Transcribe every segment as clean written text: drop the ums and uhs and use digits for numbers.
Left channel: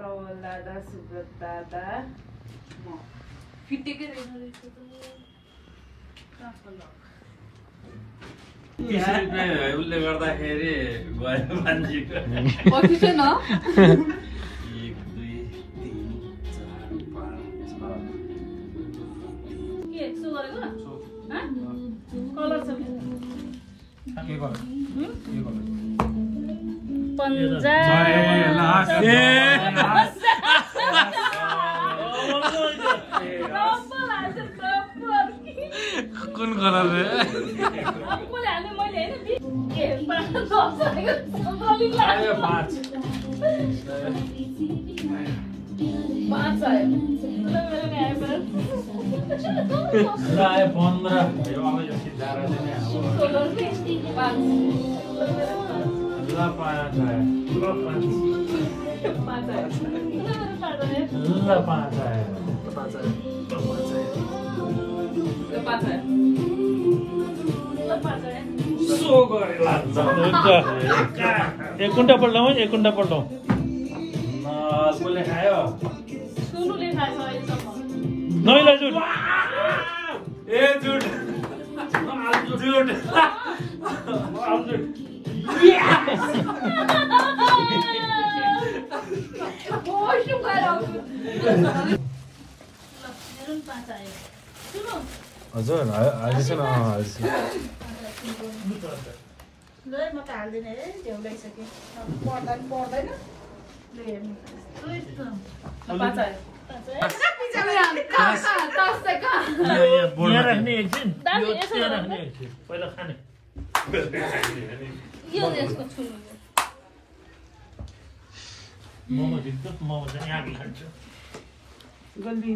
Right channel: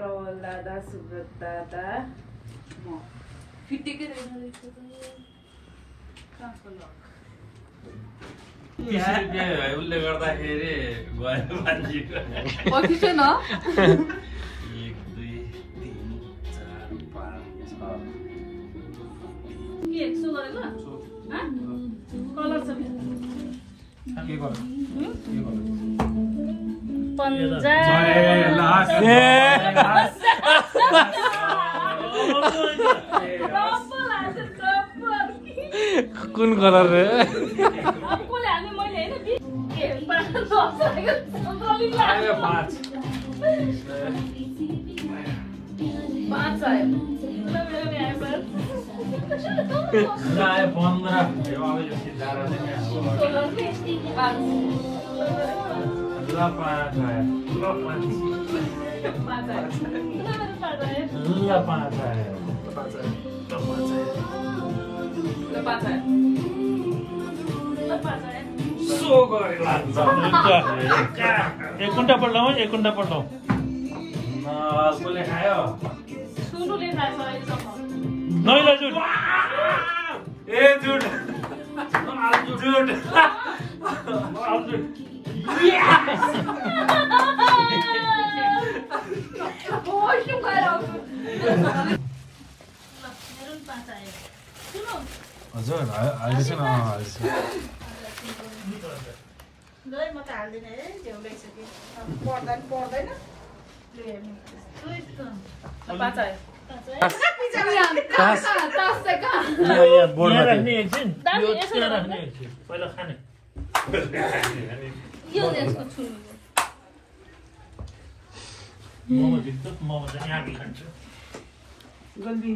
प्रवल दादा, सुब्रत दादा, म फिटेकै रहेछ त। उसले गर्दाखेरि गयो मान्छेको कति छ न 1 2 3 4 5 6 के 100 गरेको ह कलर छ के गर्नु कुन कलर रे एक कुंटा पल्टाऊ एक कुंटा पल्टाऊ कसले खायो सुनुले खान्छ अहिलेसम्म नैला जुट ए जुट जुट हजुर हालिदिनु ल म त हाल्दिन है त्यो लैसके पर्दैन पर्दैन राख्ने एकछिन राख्ने एकछिन पहिला खाने मोमो दिन्छ मोमो चाहिँ यहाँ खान्छ गल्दी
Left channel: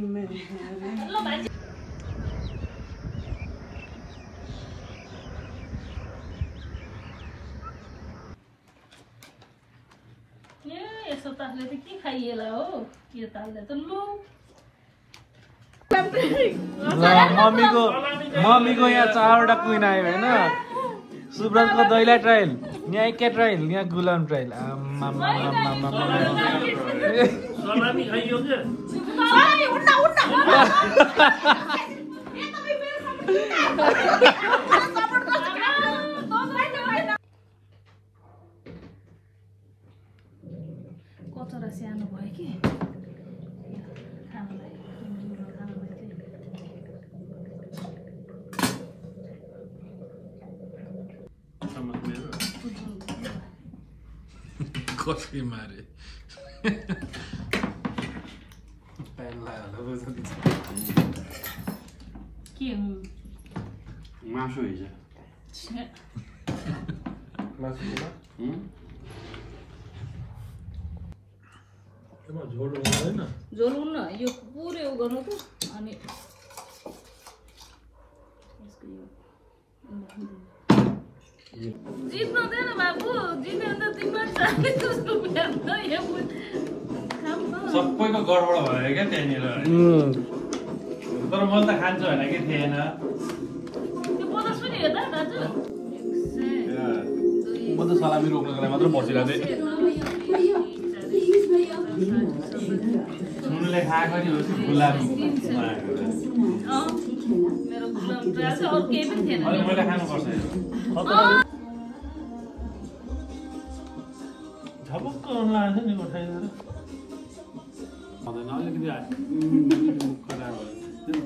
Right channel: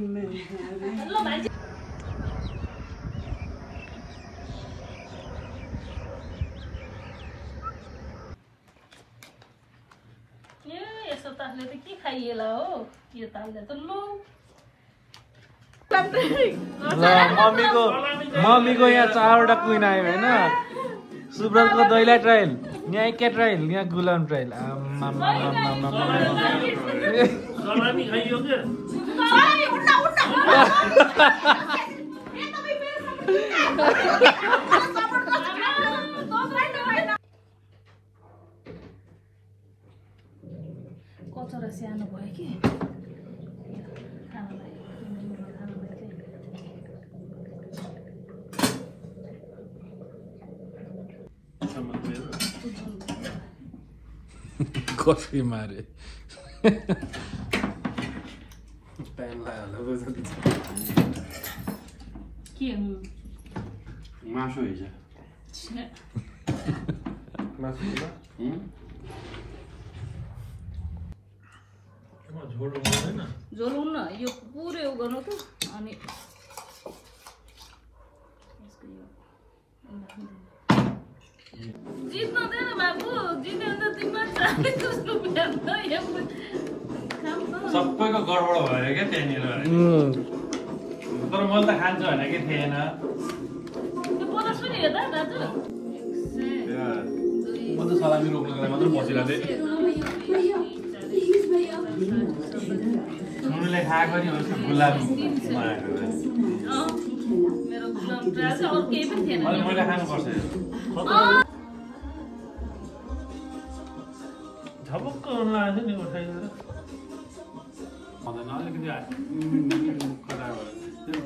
यस्तो तालले त के खाइएला हो यो तालले त लौ हामीको यहाँ 4वटा क्विन आयो हैन सुब्रतको दैला ट्रायल यहाँ एकै ट्रायल यहाँ गुलाम ट्रायल सलामी खाइयो के सलामी उड्न कचरा सानो भयो कि कसै मारे के हो मासु हिजो झोल हुन्न यो पुरै गर्नु त अनि जित्दैन बाबु जित्यो भने त तिमीलाई सबैको गडबड भयो क्या त्यहाँनिर तर मैले त खान्छु होला कि थिएन त्यो बोला सुन्यो त दाजु म त सलामी रोक्नको लागि मात्र बसिरहेको थिएँ सुनले खाएको नि उसको गुलाबमा मेरो गुलाम ट्रायल चाहिँ अरू केही पनि थिएन अहिले मैले खानुपर्छ झपक्क लाग्छ नि उठाइदिएर अलिकति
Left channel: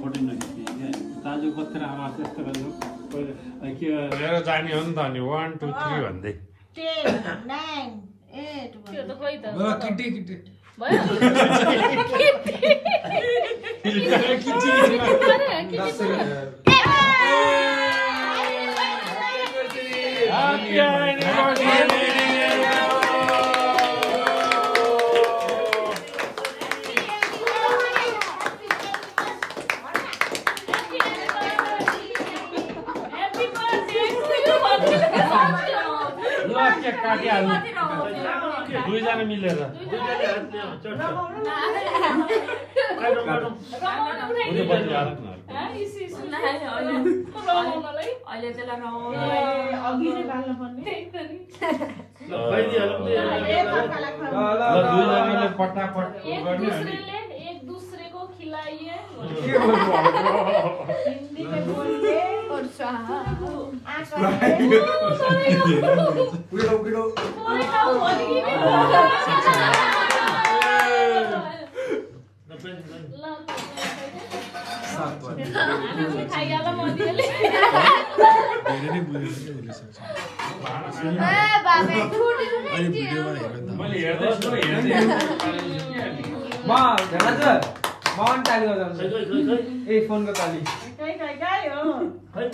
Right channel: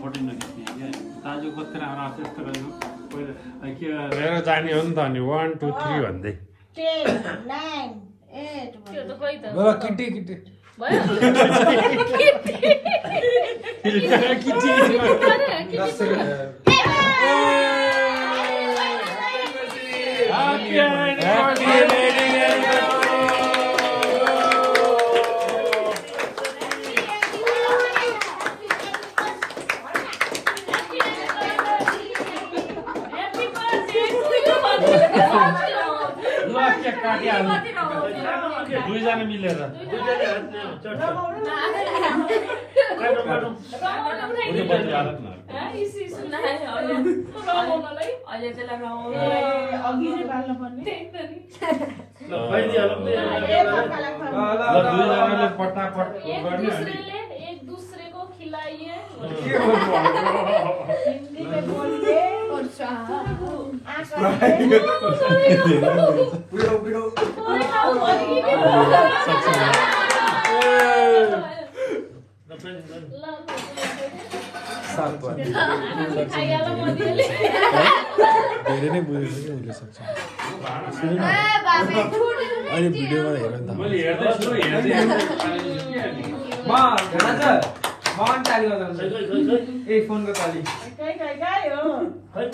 फोटो नखिच्ने क्या दाजु कति राम्रो आएको यस्तो गरेको पहिला के लिएर जाने हो नि त अनि 1 2 3 भन्दै 10 9 8 त्यो त खोइ त ल किटी किटी भयो दुईजना मिलेर अहिले त्यसलाई रमाउनु अघि नै बाल्नु पर्ने ल खुवाइदिइहालौँ नि। पटापट एक दूसरे को खिलाइए हिन्दी में बोलिए और धेरै नै बुझेको के हुन सक्छ अहिले भिडियोमा हेर्नु त मैले हेर्दैछु हेर्दै फोनको ताली कहीं हो खै।